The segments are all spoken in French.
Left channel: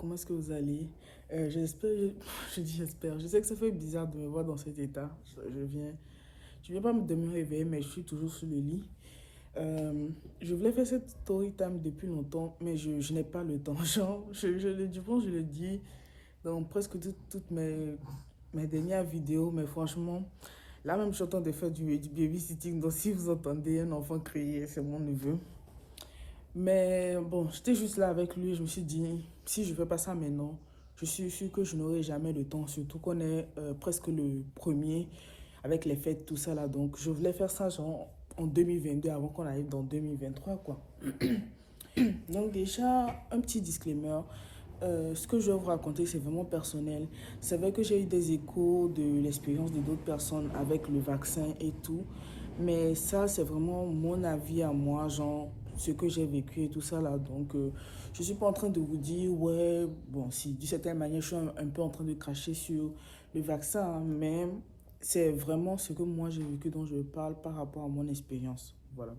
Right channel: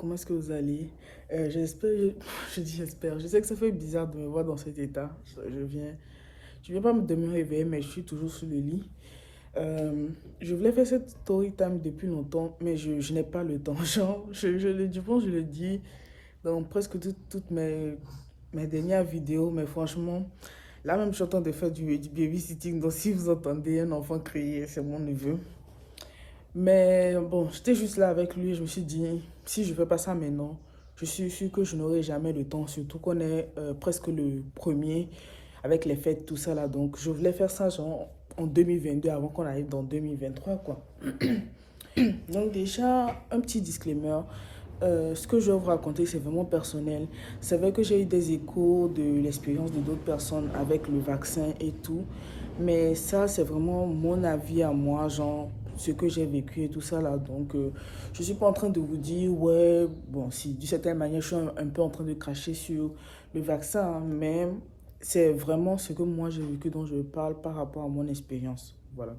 comment est-ce que vous allez? J'espère, je dis j'espère, je sais que ça fait bizarre de me voir dans cet état. Je viens pas de me réveiller, mais je suis toujours sur le lit. Je voulais faire cette story time depuis longtemps, mais je n'ai pas le temps. Genre, je le dis dans presque toutes mes dernières vidéos, mais franchement, là même je suis en train de faire du babysitting, donc si vous entendez un enfant crier, c'est mon neveu. Mais bon, j'étais juste là avec lui, je me suis dit, si je fais pas ça maintenant, je suis sûre que je n'aurai jamais le temps, surtout qu'on est presque le premier avec les fêtes, tout ça là. Donc je voulais faire ça genre en 2022 avant qu'on arrive dans 2023 quoi. Donc déjà, un petit disclaimer. Ce que je vais vous raconter, c'est vraiment personnel. C'est vrai que j'ai eu des échos de l'expérience de d'autres personnes avec le vaccin et tout. Mais ça, c'est vraiment mon avis à moi, genre ce que j'ai vécu et tout ça là. Donc, je ne suis pas en train de vous dire, ouais, bon, si d'une certaine manière, je suis un peu en train de cracher sur le vaccin, hein, mais c'est vraiment ce que moi j'ai vécu dont je parle par rapport à mon expérience. Voilà.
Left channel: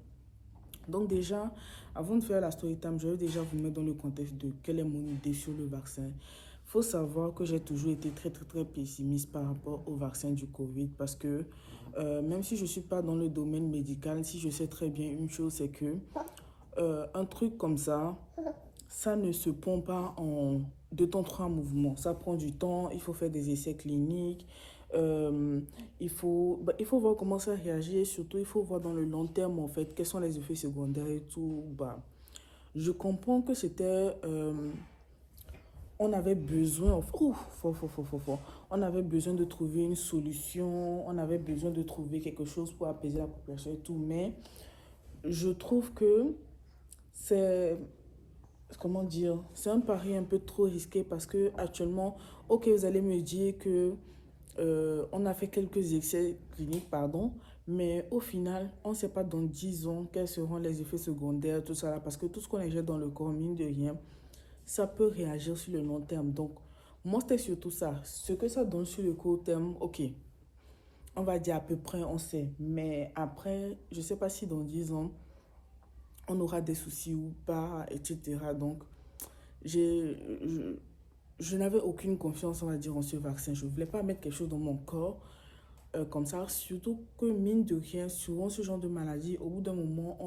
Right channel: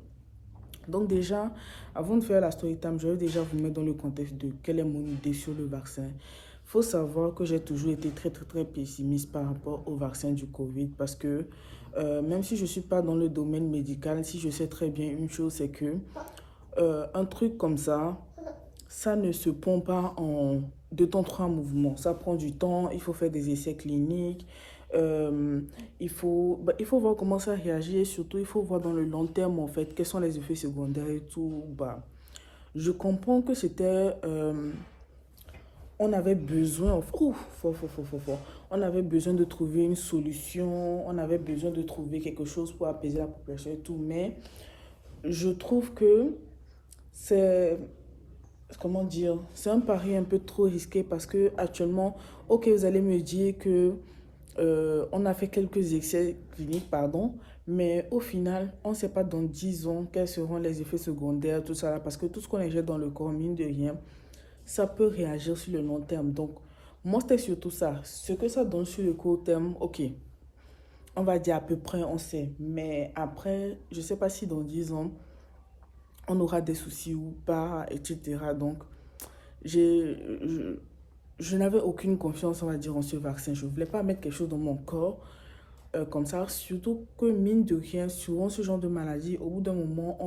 Donc déjà, avant de faire la story time, je vais déjà vous mettre dans le contexte de quelle est mon idée sur le vaccin. Il faut savoir que j'ai toujours été très pessimiste par rapport au vaccin du Covid parce que même si je ne suis pas dans le domaine médical, si je sais très bien une chose, c'est que un truc comme ça ne se pond pas en deux temps, trois mouvements. Ça prend du temps, il faut faire des essais cliniques, euh, il faut voir comment ça réagit et surtout il faut voir dans le long terme en fait quels sont les effets secondaires et tout. Bah, je comprends que c'était... on avait besoin, on avait besoin de trouver une solution, on avait besoin de trouver quelque chose pour apaiser la population et tout, mais je trouve que c'est comment dire, c'est un pari un peu trop risqué parce que actuellement, ok, vous allez me dire que on a fait quelques essais cliniques, pardon, mais au final, on ne sait pas dans 10 ans quels seront les effets secondaires, tout ça là, parce que tout ce qu'on injecte dans le corps, mine de rien, ça peut réagir sur le long terme. Donc, moi, c'était surtout ça. Ce que ça donne sur le court terme, ok, on va dire à peu près, on sait. Mais après, je ne sais pas si dans 10 ans, on aura des soucis ou pas, etc. Donc, j'ai, je, je n'avais aucune confiance, on va dire, en ce vaccin. Je ne voulais pas mettre quelque chose dans mon corps comme ça. Surtout que, mine de rien, souvent ce genre de maladie, au bout d'un moment,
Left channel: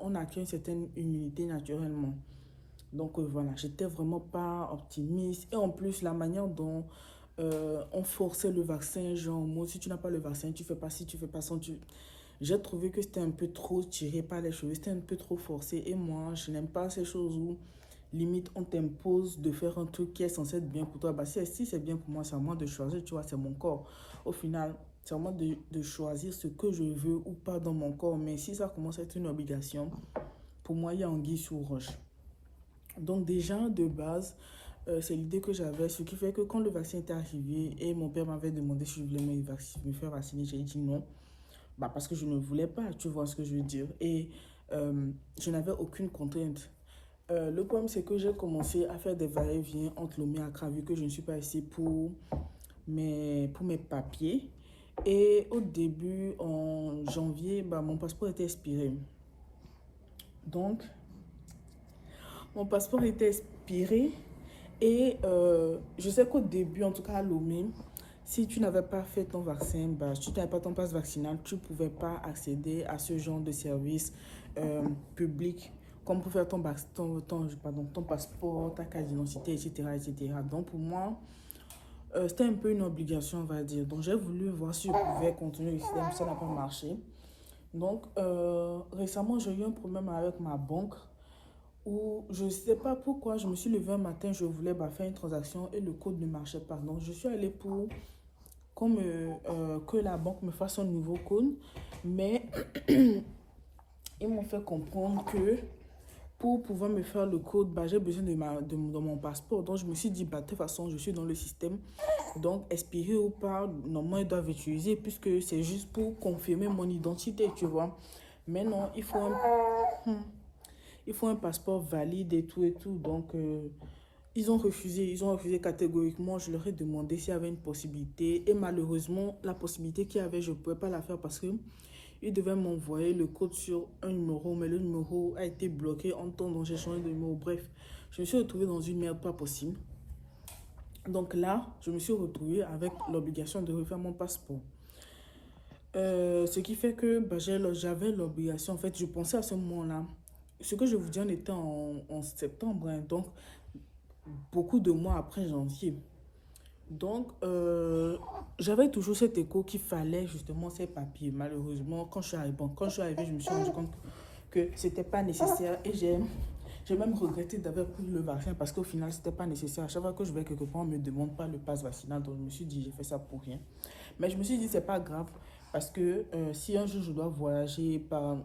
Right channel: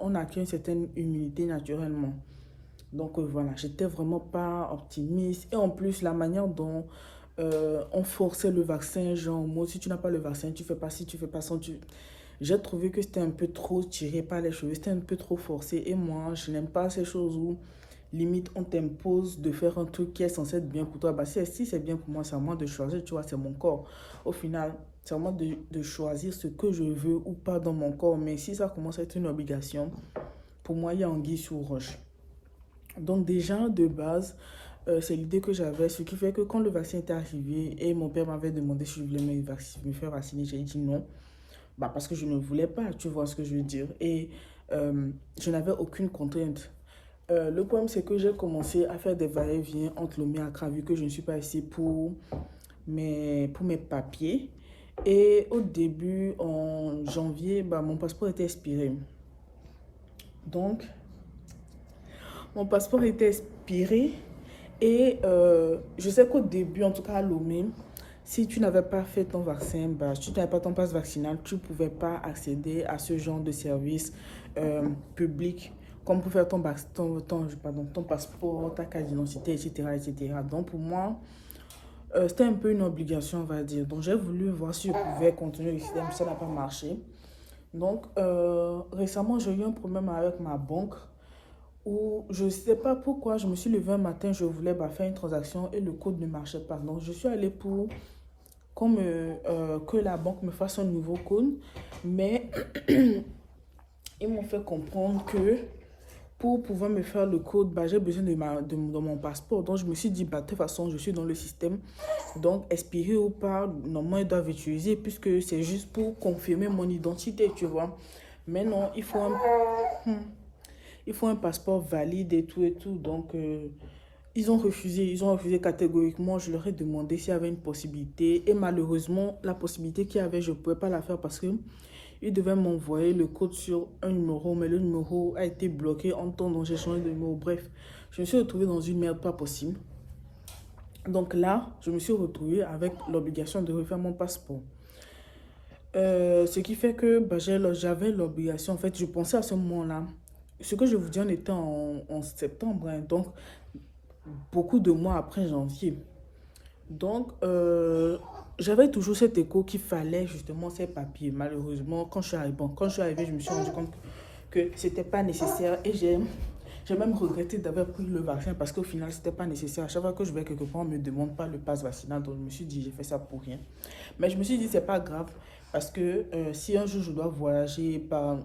on acquiert une certaine immunité naturellement. Donc voilà, j'étais vraiment pas optimiste. Et en plus, la manière dont on forçait le vaccin, genre, moi, si tu n'as pas le vaccin, tu fais pas ci, tu fais pas ça, tu... J'ai trouvé que c'était un peu trop tiré par les cheveux, c'était un peu trop forcé. Et moi, je n'aime pas ces choses où, limite, on t'impose de faire un truc qui est censé être bien pour toi. Bah, si c'est bien pour moi, c'est à moi de choisir, tu vois, c'est mon corps. Au final, c'est à moi de choisir ce que je veux ou pas dans mon corps. Mais si ça commence à être une obligation, pour moi, il y a anguille sous roche. Donc déjà, de base, c'est l'idée que j'avais, ce qui fait que quand le vaccin était arrivé et mon père m'avait demandé si je voulais me faire vacciner, j'ai dit non. Bah, parce que je ne voulais pas, tu vois ce que je veux dire. Et je n'avais aucune contrainte. Le problème, c'est que j'ai commencé à faire des va-et-vient entre Lomé et Accra, vu que je ne suis pas ici pour mes papiers. Et au début, en janvier, bah, mon passeport était expiré. Donc, mon passeport était expiré et je sais qu'au début, en tout cas à Lomé, si tu n'avais pas fait ton vaccin, bah, si tu n'avais pas ton passe vaccinal, tu ne pouvais pas accéder à ce genre de service public, comme pour faire ton passeport, ta carte d'identité, etc., etc. Donc pour moi, c'était un peu une obligation, on va dire. Donc j'ai voulu voir si je pouvais continuer le système, ça n'a pas marché. Donc récemment, j'ai eu un problème avec ma banque où je ne sais pas pourquoi, je me suis levée un matin, je voulais bah, faire une transaction et le code ne marchait pas. Donc, je suis allée pour que la banque me fasse un nouveau code, mais ils m'ont fait comprendre que pour pouvoir me faire le code, bah, j'ai besoin de mon passeport. Donc, je me suis dit, bah, de toute façon, je suis dans le système. Donc, expiré ou pas, normalement, ils doivent utiliser puisque c'est juste pour confirmer mon identité, tu vois. Mais non, il faut un passeport valide et tout et tout. Donc, ils ont refusé catégoriquement. Je leur ai demandé s'il y avait une possibilité. Et malheureusement, la possibilité qu'il y avait, je ne pouvais pas la faire parce que Il devait m'envoyer le code sur un numéro, mais le numéro a été bloqué en temps dont j'ai changé de numéro. Bref, je me suis retrouvée dans une merde pas possible. Donc là, je me suis retrouvée avec l'obligation de refaire mon passeport. Ce qui fait que bah, j'avais l'obligation, en fait, je pensais à ce moment-là. Ce que je vous dis, on était en septembre, hein, donc beaucoup de mois après janvier. Donc, j'avais toujours cet écho qu'il fallait justement ces papiers. Malheureusement, quand je suis arrivée, je me suis rendu compte que ce n'était pas nécessaire et j'ai même regretté d'avoir pris le vaccin parce qu'au final, ce n'était pas nécessaire. À chaque fois que je vais quelque part, on ne me demande pas le pass vaccinal. Donc, je me suis dit, j'ai fait ça pour rien. Mais je me suis dit, c'est pas grave parce que si un jour je dois voyager par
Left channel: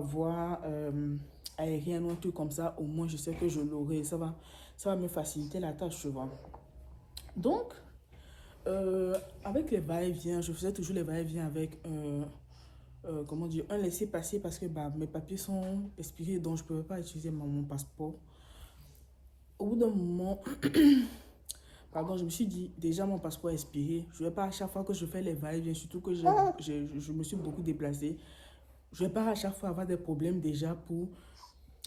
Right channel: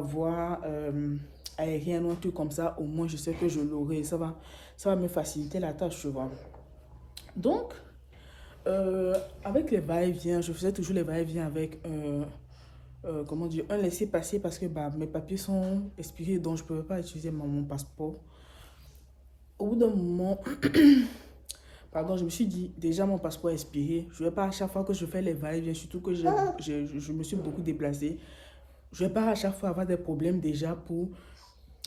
voie aérienne ou un truc comme ça, au moins je sais que je l'aurai. Ça va me faciliter la tâche, tu vois. Donc, avec les va-et-vient, je faisais toujours les va-et-vient avec comment dire, un laissez-passer parce que bah, mes papiers sont expirés, donc je ne pouvais pas utiliser mon passeport. Au bout d'un moment, pardon, je me suis dit, déjà mon passeport est expiré. Je ne vais pas à chaque fois que je fais les va-et-vient, surtout que je me suis beaucoup déplacée. Je ne vais pas à chaque fois avoir des problèmes déjà pour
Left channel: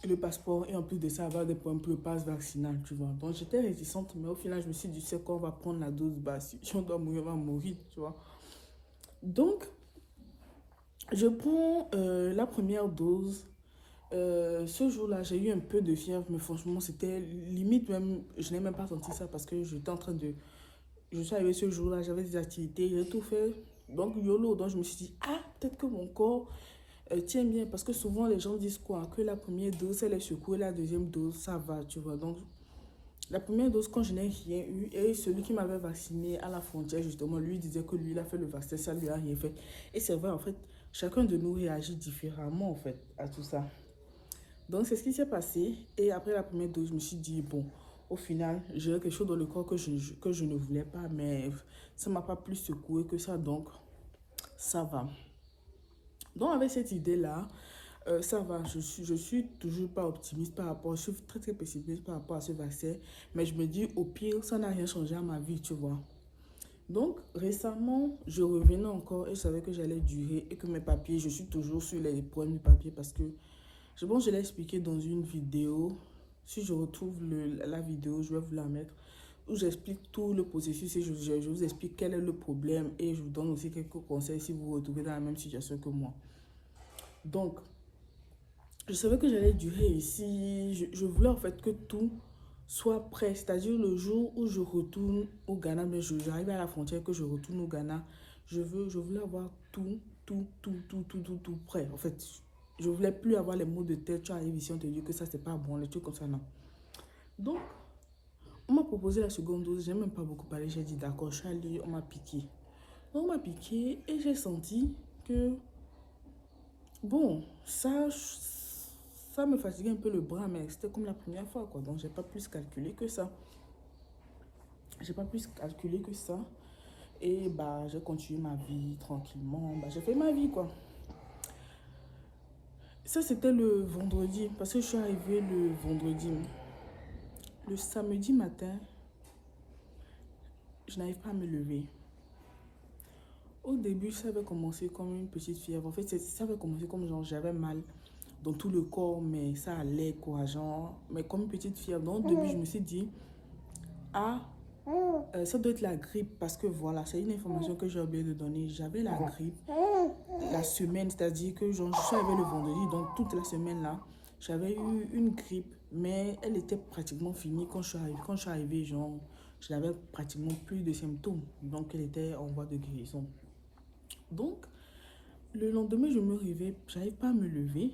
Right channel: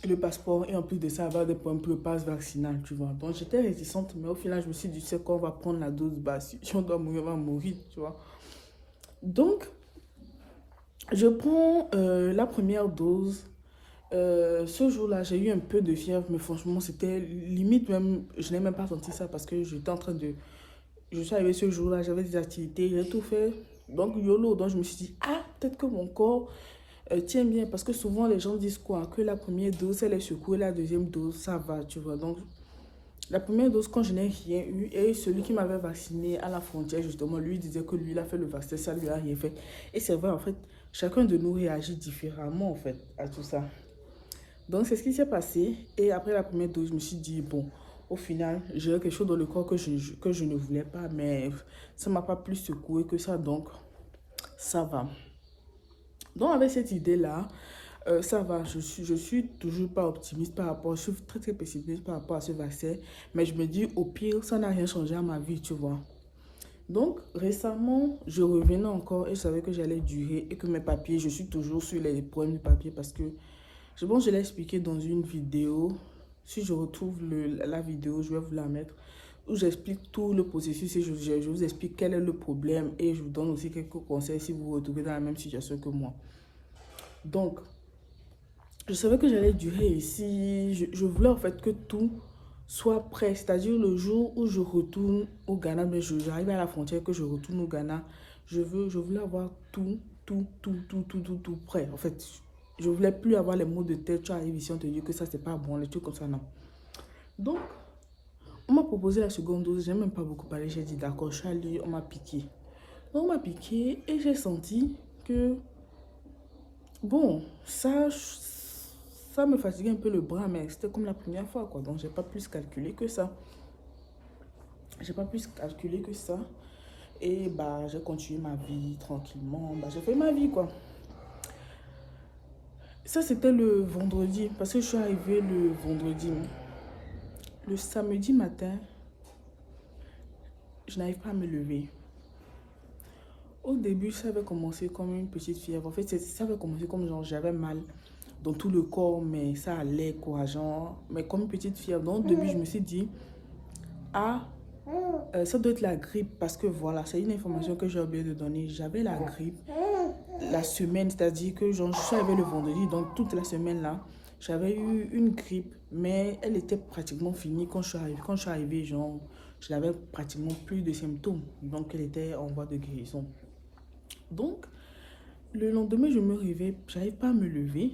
le passeport et en plus de ça avoir des problèmes pour le pass vaccinal, tu vois. Donc j'étais réticente, mais au final, je me suis dit, tu sais quoi, on va prendre la dose basse. Si on doit mourir, on va mourir, tu vois. Donc, je prends la première dose. Ce jour-là, j'ai eu un peu de fièvre, mais franchement, c'était limite même, je n'ai même pas senti ça parce que j'étais en train de... Je suis arrivée ce jour-là, j'avais des activités, j'ai tout fait. Donc, YOLO, donc je me suis dit, ah, peut-être que mon corps tient bien. Parce que souvent, les gens disent quoi? Que la première dose, elle est secouée, la deuxième dose, ça va, tu vois. Donc, la première dose, quand je n'ai rien eu, et celui qui m'avait vacciné à la frontière, justement, lui disait que lui, il a fait le vaccin, ça lui a rien fait. Et c'est vrai, en fait, chacun de nous réagit différemment, en fait, à tout ça. Donc, c'est ce qui s'est passé. Et après la première dose, je me suis dit, bon, au final, j'ai quelque chose dans le corps que je ne voulais pas, mais ça ne m'a pas plus secoué que ça, donc ça va. Donc, avec cette idée-là, ça va, je suis toujours pas optimiste par rapport, je suis très très pessimiste par rapport à ce vaccin, mais je me dis, au pire, ça n'a rien changé à ma vie, tu vois. Donc, récemment, je revenais encore et je savais que j'allais durer et que mes papiers, je suis toujours sur les problèmes de papier parce que bon, je l'ai expliqué dans une vidéo. Si je retrouve la vidéo, je vais vous la mettre. Où j'explique tout le processus et je vous explique quel est le problème. Et je vous donne aussi quelques conseils si vous vous retrouvez dans la même situation que moi. Donc, je savais que j'allais durer ici. Je voulais en fait que tout soit prêt. C'est-à-dire le jour où je retourne au Ghana, mais j'arrive à la frontière, que je retourne au Ghana. Je voulais avoir tout prêt. En fait, je voulais plus avoir les mots de tête. Tu arrives ici, on te dit que ça, c'est pas bon, les trucs comme ça, non. Donc, on m'a proposé la seconde dose. J'ai même pas beaucoup parlé. J'ai dit, d'accord, je suis allée, on m'a piqué. Donc, on m'a piqué et j'ai senti que, bon, ça me fatiguait un peu le bras, mais c'était comme la première fois, quoi. Donc, j'ai pas plus calculé que ça. J'ai pas plus calculé que ça. Et bah, j'ai continué ma vie tranquillement. Bah, j'ai fait ma vie, quoi. Ça, c'était le vendredi, parce que je suis arrivée le vendredi. Le samedi matin, je n'arrive pas à me lever. Au début, ça avait commencé comme une petite fièvre. En fait, ça avait commencé comme genre j'avais mal dans tout le corps, mais ça allait courageant, mais comme une petite fièvre. Donc, au début, je me suis dit, ah, ça doit être la grippe, parce que voilà, c'est une information que j'ai oublié de donner. J'avais la grippe la semaine, c'est-à-dire que genre, je suis arrivée le vendredi, donc toute la semaine là, j'avais eu une grippe, mais elle était pratiquement finie quand je suis arrivée. Quand je suis arrivée, genre, je n'avais pratiquement plus de symptômes, donc elle était en voie de guérison. Donc, le lendemain, je me réveille, j'arrive pas à me lever.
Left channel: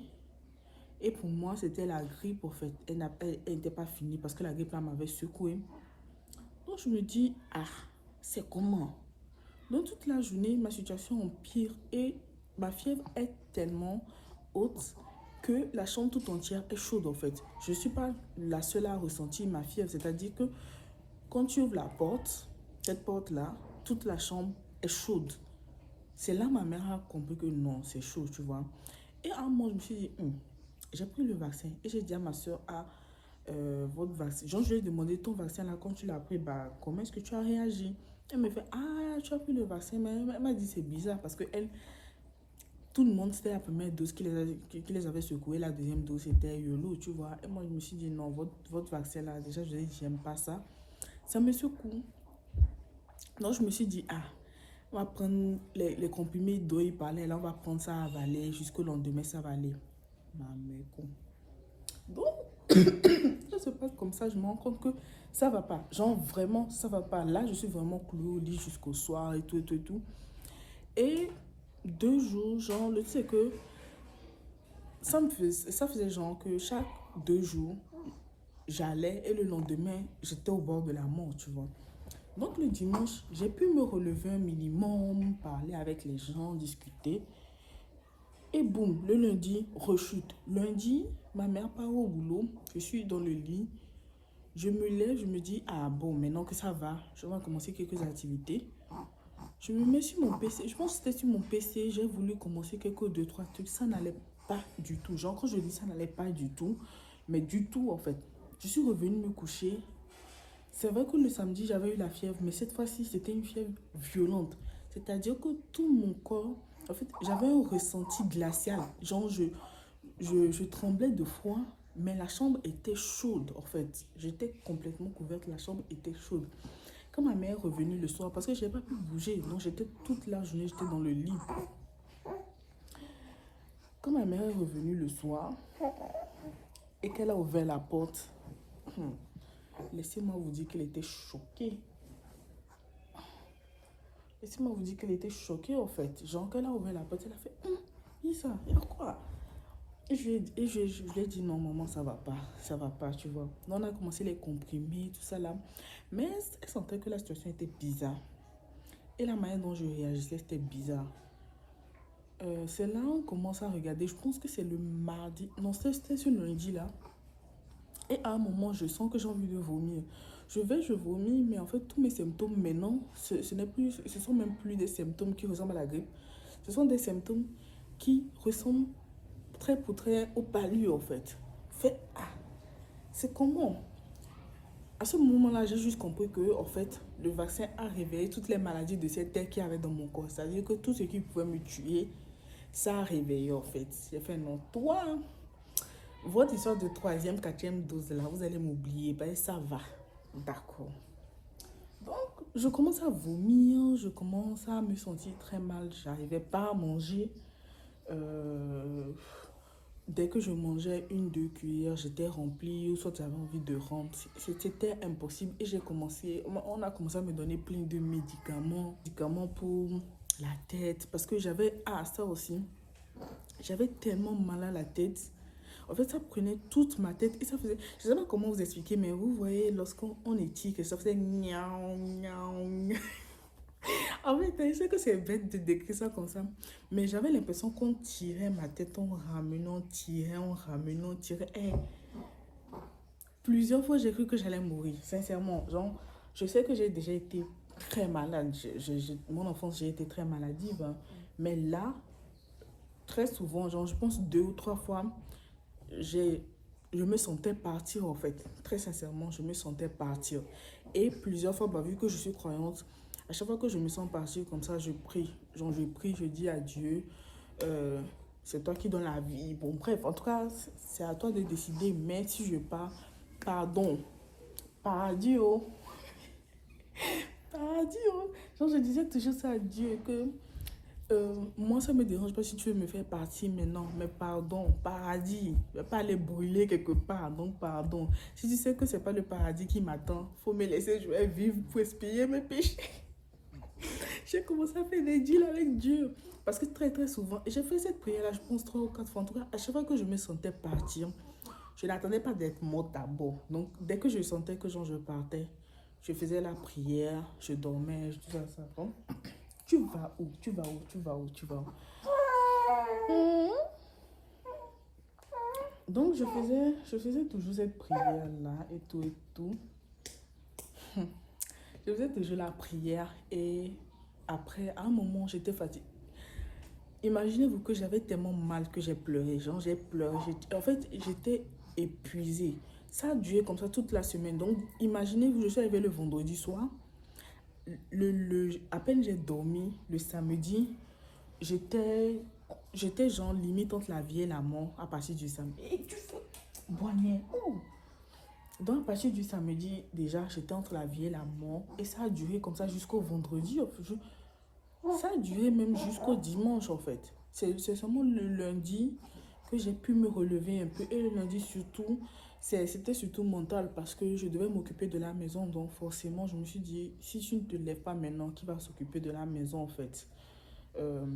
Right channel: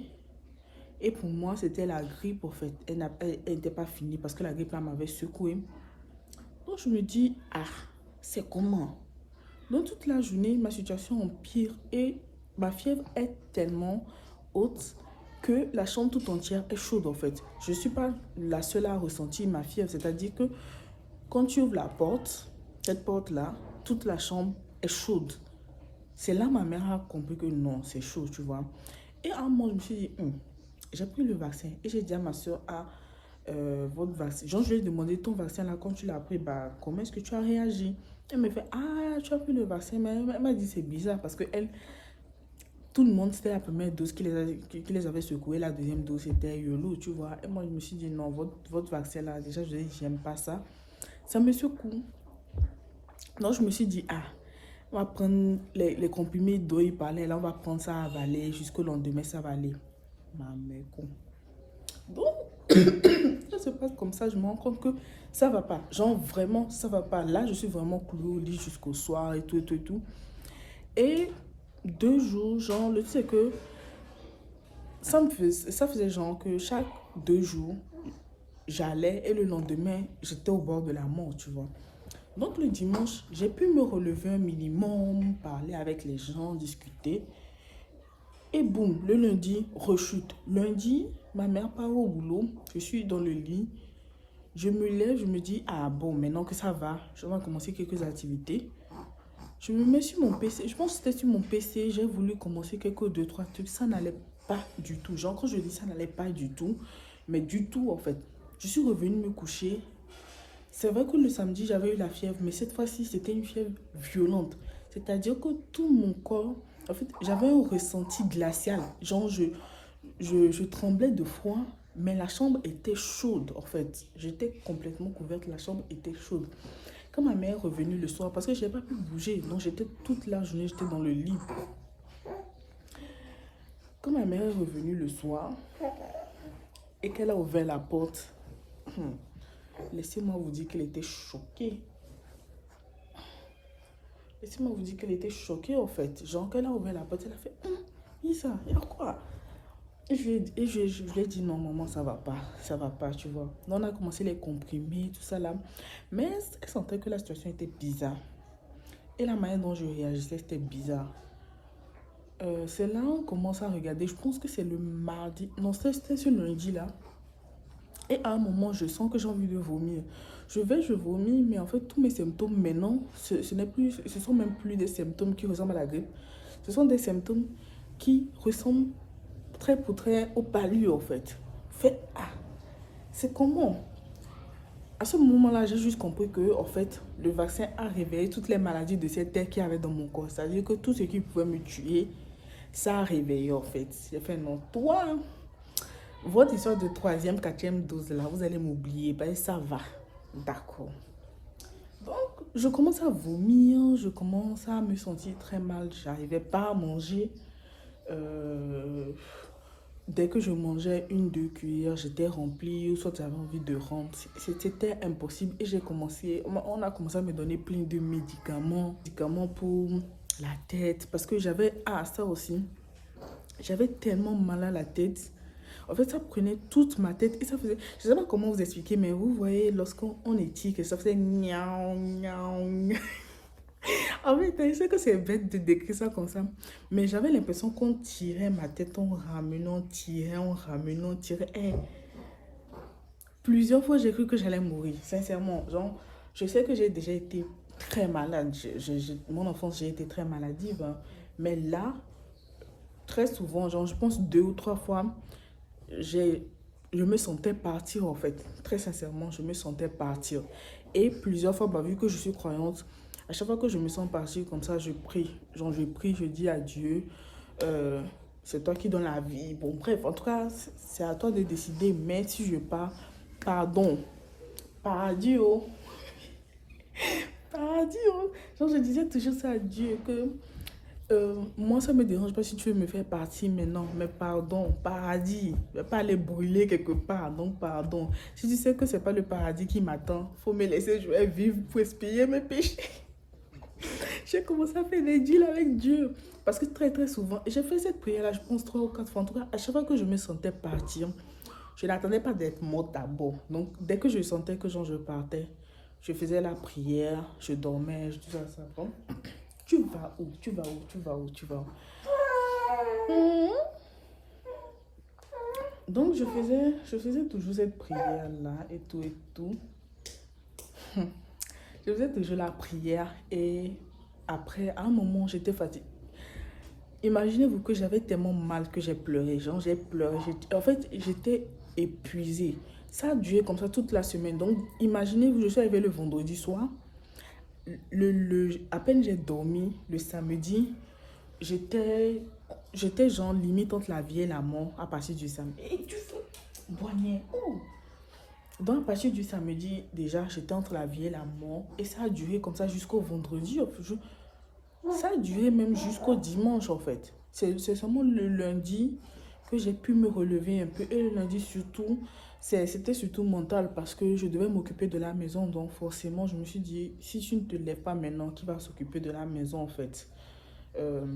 Et pour moi, c'était la grippe, en fait. Elle n'était pas finie parce que la grippe là m'avait secoué. Donc, je me dis, ah, c'est comment? Donc, toute la journée, ma situation empire et ma fièvre est tellement haute que la chambre tout entière est chaude, en fait. Je ne suis pas la seule à ressentir ma fièvre. C'est-à-dire que quand tu ouvres la porte, cette porte-là, toute la chambre est chaude. C'est là que ma mère a compris que non, c'est chaud, tu vois. Et à un moment, je me suis dit, j'ai pris le vaccin. Et j'ai dit à ma soeur, votre vaccin. Genre, je lui ai demandé, ton vaccin là, quand tu l'as pris, bah, comment est-ce que tu as réagi? Elle me fait, ah, tu as pris le vaccin. Mais elle m'a dit, c'est bizarre parce que tout le monde, c'était la première dose qui les avait secoués. La deuxième dose, c'était YOLO, tu vois. Et moi, je me suis dit, non, votre vaccin là, déjà, je dis, j'aime pas ça. Ça me secoue. Donc, je me suis dit, ah, on va prendre les comprimés dont il parlait. Là, on va prendre ça à avaler. Jusqu'au lendemain, ça va aller. Ma mère, con. Donc, ça se passe comme ça. Je me rends compte que ça va pas. Genre, vraiment, ça va pas. Là, je suis vraiment clouée au lit jusqu'au soir et tout, et tout, et tout. Et 2 jours, genre, le truc, c'est que ça faisait genre que chaque 2 jours, j'allais et le lendemain, j'étais au bord de la mort, tu vois. Donc le dimanche, j'ai pu me relever un minimum, parler avec les gens, discuter. Et boum, le lundi, rechute. Lundi, ma mère part au boulot, je suis dans le lit. Je me lève, je me dis, ah bon, maintenant que ça va, je vais commencer quelques activités. Je me mets sur mon PC, je pense que c'était sur mon PC, j'ai voulu commencer quelques 2, 3 trucs, ça n'allait pas du tout. Genre, quand je dis ça n'allait pas du tout, mais du tout en fait. Je suis revenue me coucher. C'est vrai que le samedi, j'avais eu la fièvre, mais cette fois-ci, c'était une fièvre violente. C'est-à-dire que tout mon corps, en fait, j'avais un ressenti glacial. Genre, je tremblais de froid, mais la chambre était chaude, en fait. J'étais complètement couverte, la chambre était chaude. Quand ma mère est revenue le soir, parce que je n'ai pas pu bouger, donc j'étais toute la journée, j'étais dans le lit. Quand ma mère est revenue le soir et qu'elle a ouvert la porte, laissez-moi vous dire qu'elle était choquée. Laissez-moi vous dire qu'elle était choquée en fait. Genre, qu'elle a ouvert la porte, elle a fait Isa, il y a quoi? Et je lui ai dit non, maman, ça va pas, tu vois. Donc, on a commencé les comprimés, tout ça là. Mais elle sentait que la situation était bizarre. Et la manière dont je réagissais, c'était bizarre. C'est là on commence à regarder. Je pense que c'est le mardi. Non, c'était ce lundi là. Et à un moment, je sens que j'ai envie de vomir. Je vomis, mais en fait, tous mes symptômes maintenant, ce sont même plus des symptômes qui ressemblent à la grippe. Ce sont des symptômes qui ressemblent très pour très au palu, en fait. C'est comment? À ce moment-là, j'ai juste compris que, en fait, le vaccin a réveillé toutes les maladies de cette terre qu'il y avait dans mon corps. C'est-à-dire que tout ce qui pouvait me tuer, ça a réveillé, en fait. J'ai fait non, toi, votre histoire de troisième, quatrième dose là, vous allez m'oublier, ben ça va. D'accord. Donc, je commence à vomir, je commence à me sentir très mal. J'arrivais pas à manger. Euh, Dès que je mangeais 1, 2 cuillères, j'étais remplie, ou soit j'avais envie de rentrer. C'était impossible. Et on a commencé à me donner plein de médicaments pour la tête. Parce que ça aussi, j'avais tellement mal à la tête. En fait, ça prenait toute ma tête et ça faisait... Je ne sais pas comment vous expliquer, mais vous voyez, lorsqu'on éthique, ça faisait niaou, niaou. En fait, je sais que c'est bête de décrire ça comme ça, mais j'avais l'impression qu'on tirait ma tête, on ramenait, on tirait. Plusieurs fois, j'ai cru que j'allais mourir, sincèrement. Genre, je sais que j'ai déjà été très malade. Mon enfance, j'ai été très maladive, hein. Mais là, très souvent, genre, je pense 2 ou 3 fois, je me sentais partir en fait. Très sincèrement, je me sentais partir. Et plusieurs fois, bah, vu que je suis croyante, à chaque fois que je me sens partir comme ça, je prie. Genre, je prie, je dis à Dieu, c'est toi qui donnes la vie. Bon, bref, en tout cas, c'est à toi de décider. Mais si je pars, pardon, paradis, oh, paradis, oh. Genre, je disais toujours ça à Dieu que moi, ça me dérange pas si tu veux me faire partir maintenant, mais pardon, paradis, je vais pas aller brûler quelque part, donc pardon. Si tu sais que c'est pas le paradis qui m'attend, faut me laisser, je vais vivre pour expier mes péchés. J'ai commencé à faire des deals avec Dieu. Parce que très très souvent, j'ai fait cette prière-là, je pense 3 ou 4 fois. En tout cas, à chaque fois que je me sentais partir, je n'attendais pas d'être morte d'abord. Donc, dès que je sentais que genre, je partais, je faisais la prière, je dormais, je disais à ça. Bon, tu vas où? Tu vas où? Tu vas où? Tu vas où? Donc, je faisais toujours cette prière-là et tout et tout. Je faisais toujours la prière et après, à un moment, j'étais fatiguée. Imaginez-vous que j'avais tellement mal que j'ai pleuré. Genre, j'ai pleuré. En fait, j'étais épuisée. Ça a duré comme ça toute la semaine. Donc, imaginez-vous, je suis arrivée le vendredi soir. À peine j'ai dormi le samedi, j'étais j'étais genre limite entre la vie et la mort à partir du samedi. Et du fou, boignet. Oh. Donc, à partir du samedi, déjà, j'étais entre la vie et la mort. Et ça a duré comme ça jusqu'au vendredi. Ça a duré même jusqu'au dimanche, en fait. C'est seulement le lundi que j'ai pu me relever un peu. Et le lundi, surtout, c'était surtout mental parce que je devais m'occuper de la maison. Donc, forcément, je me suis dit, si tu ne te lèves pas maintenant, qui va s'occuper de la maison, en fait? Euh,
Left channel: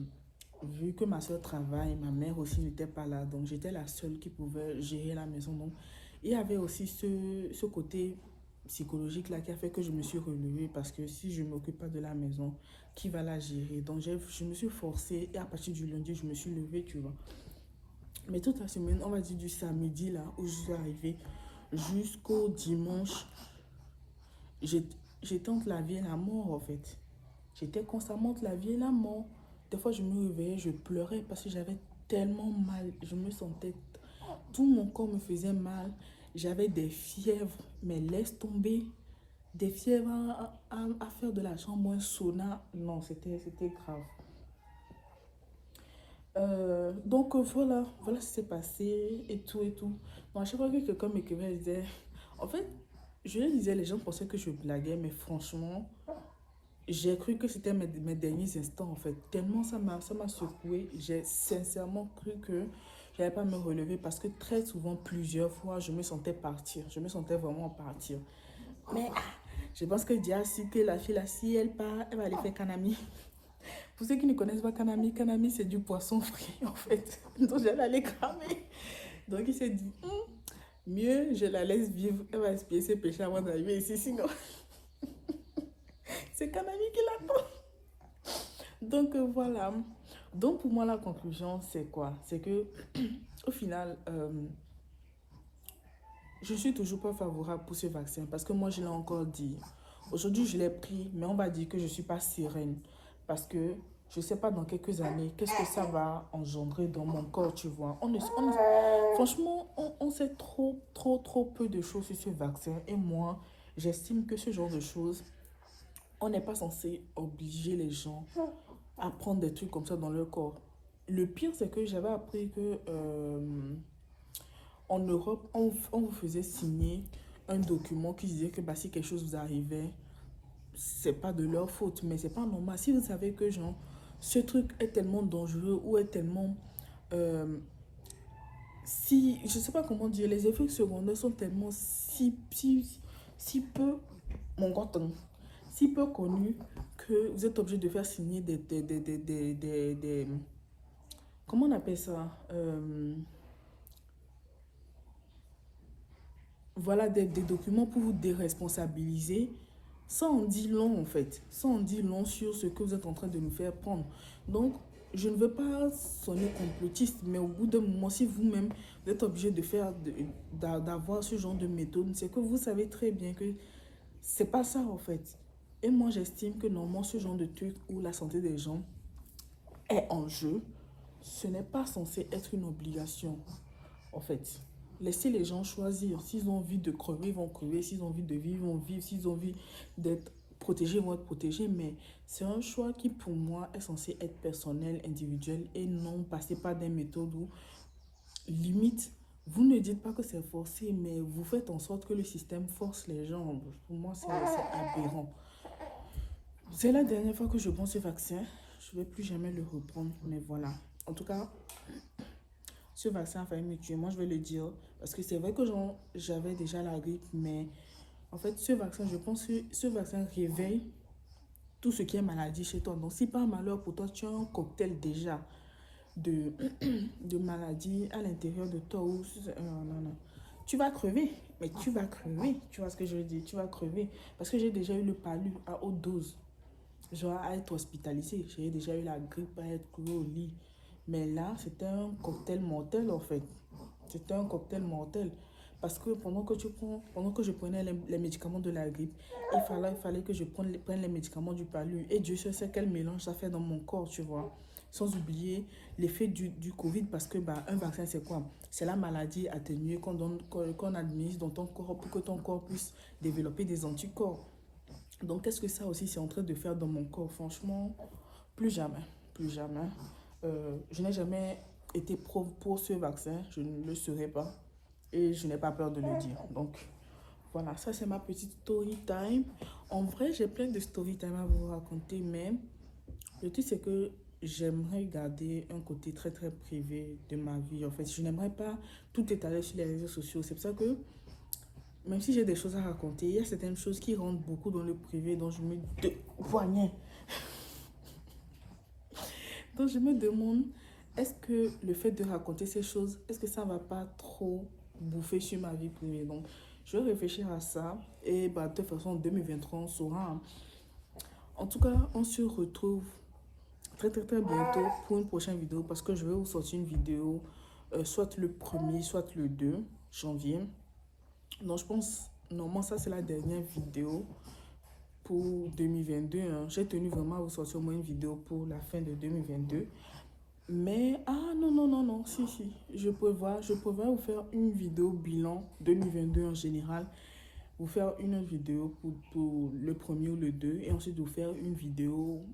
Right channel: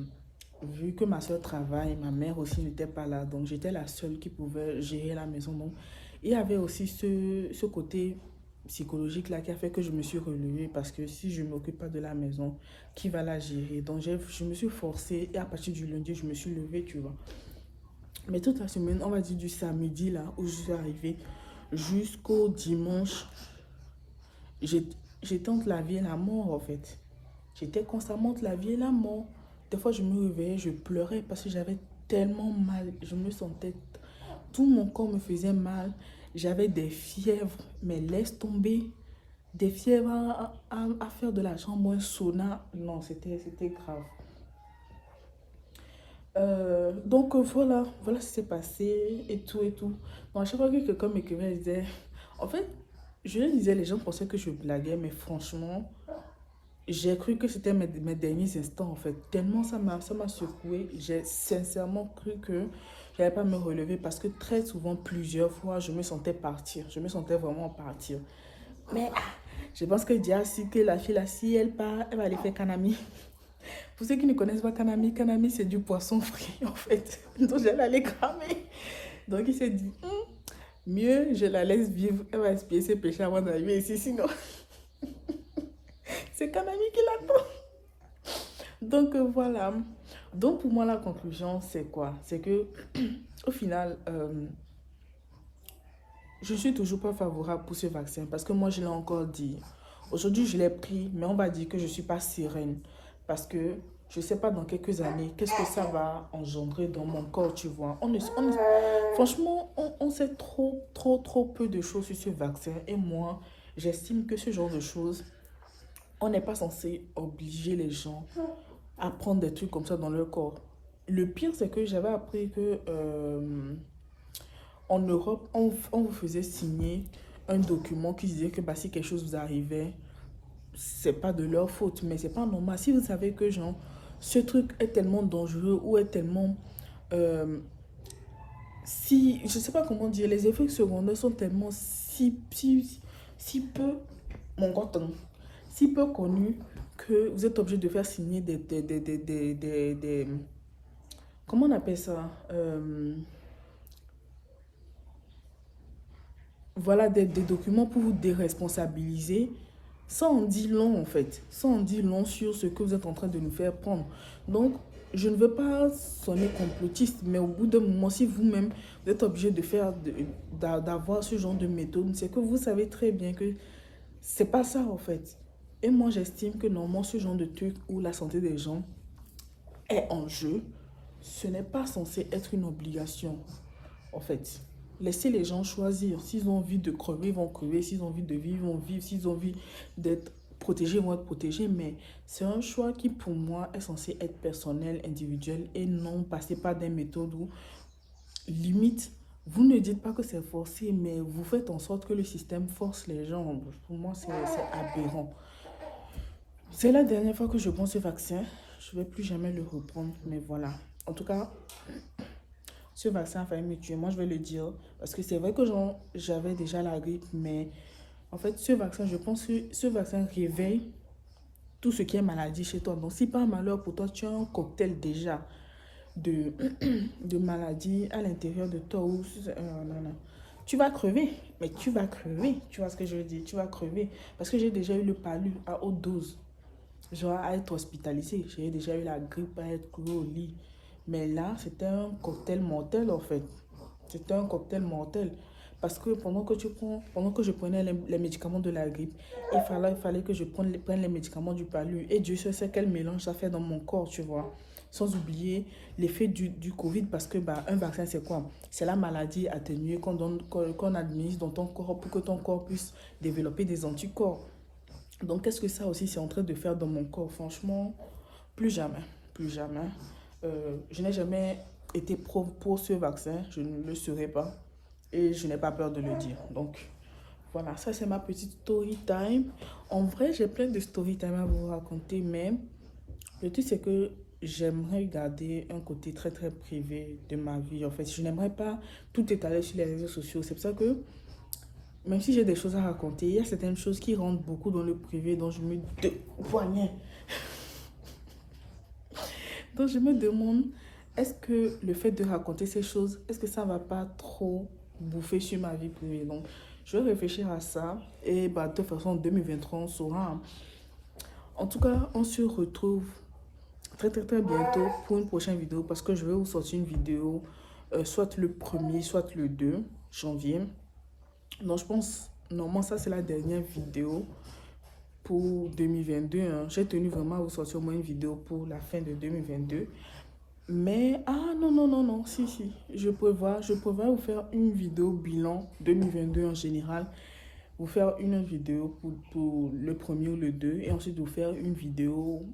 Vu que ma soeur travaille, ma mère aussi n'était pas là. Donc, j'étais la seule qui pouvait gérer la maison. Donc, il y avait aussi ce côté psychologique là qui a fait que je me suis relevée parce que si je ne m'occupe pas de la maison, qui va la gérer? Donc, je me suis forcée et à partir du lundi, je me suis levée, tu vois. Mais toute la semaine, on va dire du samedi là où je suis arrivée jusqu'au dimanche, j'ai- j'étais entre la vie et la mort en fait. J'étais constamment entre la vie et la mort. Des fois, je me réveillais, je pleurais parce que j'avais tellement mal. Je me sentais... Tout mon corps me faisait mal. J'avais des fièvres, mais laisse tomber. Des fièvres à faire de la chambre un sauna. Non, c'était grave. Voilà ce qui s'est passé et tout et tout. Donc, à chaque fois que quelqu'un m'écrivait, il disait... En fait, je le disais, les gens pensaient que je blaguais, mais franchement, j'ai cru que c'était mes derniers instants en fait. Tellement ça m'a secoué. J'ai sincèrement cru que je n'allais pas me relever parce que très souvent, plusieurs fois, je me sentais partir. Je me sentais vraiment partir. Mais je pense que Dia, si que la fille là, si elle part, elle va aller faire Kanami. Pour ceux qui ne connaissent pas Kanami, Kanami c'est du poisson frit en fait. Donc j'allais aller cramer. Donc il s'est dit, mieux je la laisse vivre. Elle va expier ses péchés avant d'arriver ici. Sinon, c'est Kanami qui l'attend. Donc voilà. Donc pour moi la conclusion c'est quoi? C'est que au final je suis toujours pas favorable pour ce vaccin parce que moi je l'ai encore dit. Aujourd'hui je l'ai pris mais on va dire que je suis pas sereine parce que je sais pas dans quelques années qu'est-ce que ça va engendrer dans mon corps, tu vois. Franchement on sait trop peu de choses sur ce vaccin et moi j'estime que ce genre de choses on n'est pas censé obliger les gens à prendre des trucs comme ça dans leur corps. Le pire, c'est que j'avais appris que en Europe, on vous faisait signer un document qui disait que bah, si quelque chose vous arrivait, c'est pas de leur faute, mais c'est pas normal. Si vous savez que genre, ce truc est tellement dangereux ou est tellement... si, je sais pas comment dire, les effets secondaires sont tellement si peu, mon coton, si peu connus que vous êtes obligé de faire signer comment on appelle ça? Voilà des documents pour vous déresponsabiliser. Ça en dit long en fait. Ça en dit long sur ce que vous êtes en train de nous faire prendre. Donc, je ne veux pas sonner complotiste, mais au bout d'un moment, si vous-même vous êtes obligé de faire, d'avoir ce genre de méthode, c'est que vous savez très bien que c'est pas ça en fait. Et moi, j'estime que normalement, ce genre de truc où la santé des gens est en jeu, ce n'est pas censé être une obligation, en fait. Laissez les gens choisir. S'ils ont envie de crever, ils vont crever. S'ils ont envie de vivre, ils vont vivre. S'ils ont envie d'être protégés, ils vont être protégés. Mais c'est un choix qui, pour moi, est censé être personnel, individuel et non passer par des méthodes où, limite, vous ne dites pas que c'est forcé, mais vous faites en sorte que le système force les gens. Pour moi, c'est aberrant. C'est la dernière fois que je prends ce vaccin. Je ne vais plus jamais le reprendre, mais voilà. En tout cas, ce vaccin a failli me tuer. Moi, je vais le dire. Parce que c'est vrai que j'avais déjà la grippe, mais en fait, ce vaccin, je pense que ce vaccin réveille tout ce qui est maladie chez toi. Donc, si par malheur pour toi, tu as un cocktail déjà de, de maladies à l'intérieur de toi, ou, non, non, tu vas crever. Mais tu vas crever. Tu vois ce que je veux dire? Tu vas crever. Parce que j'ai déjà eu le palu à haute dose. Genre à être hospitalisé. J'ai déjà eu la grippe, à être cloué au lit. Mais là, c'était un cocktail mortel en fait. C'était un cocktail mortel. Parce que pendant que je prenais les médicaments de la grippe, il fallait que je prenne les médicaments du palu. Et Dieu seul sait quel mélange ça fait dans mon corps, tu vois. Sans oublier l'effet du Covid, parce que bah, un vaccin, c'est quoi? C'est la maladie atténuée qu'on administre dans ton corps pour que ton corps puisse développer des anticorps. Donc, qu'est-ce que ça aussi, c'est en train de faire dans mon corps? Franchement, plus jamais, plus jamais. Je n'ai jamais été pour ce vaccin, je ne le serai pas et je n'ai pas peur de le dire. Donc voilà, ça c'est ma petite story time. En vrai, j'ai plein de story time à vous raconter, mais le truc c'est que j'aimerais garder un côté très très privé de ma vie. En fait, je n'aimerais pas tout étaler sur les réseaux sociaux. C'est pour ça que même si j'ai des choses à raconter, il y a certaines choses qui rentrent beaucoup dans le privé dont je me poignet. Donc je me demande, est-ce que le fait de raconter ces choses, est-ce que ça va pas trop bouffer sur ma vie privée? Donc je vais réfléchir à ça et bah, de toute façon en 2023 on saura, hein. En tout cas, on se retrouve très très très bientôt pour une prochaine vidéo parce que je vais vous sortir une vidéo soit le 1er, soit le 2 janvier. Donc je pense, normalement ça c'est la dernière vidéo pour 2022, hein. J'ai tenu vraiment à vous sortir au moins une vidéo pour la fin de 2022. Mais, ah non, non, non, non, si, si, je prévois vous faire une vidéo bilan 2022 en général, vous faire une autre vidéo pour le 1er ou le 2 et ensuite vous faire une vidéo,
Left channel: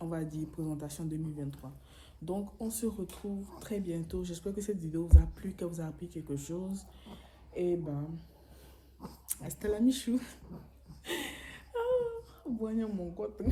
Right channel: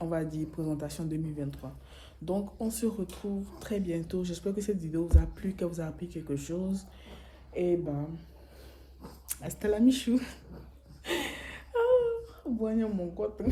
on va dire, présentation 2023. Donc, on se retrouve très bientôt. J'espère que cette vidéo vous a plu, qu'elle vous a appris quelque chose. Et ben, hasta la michou. Ah, bon, mon coton.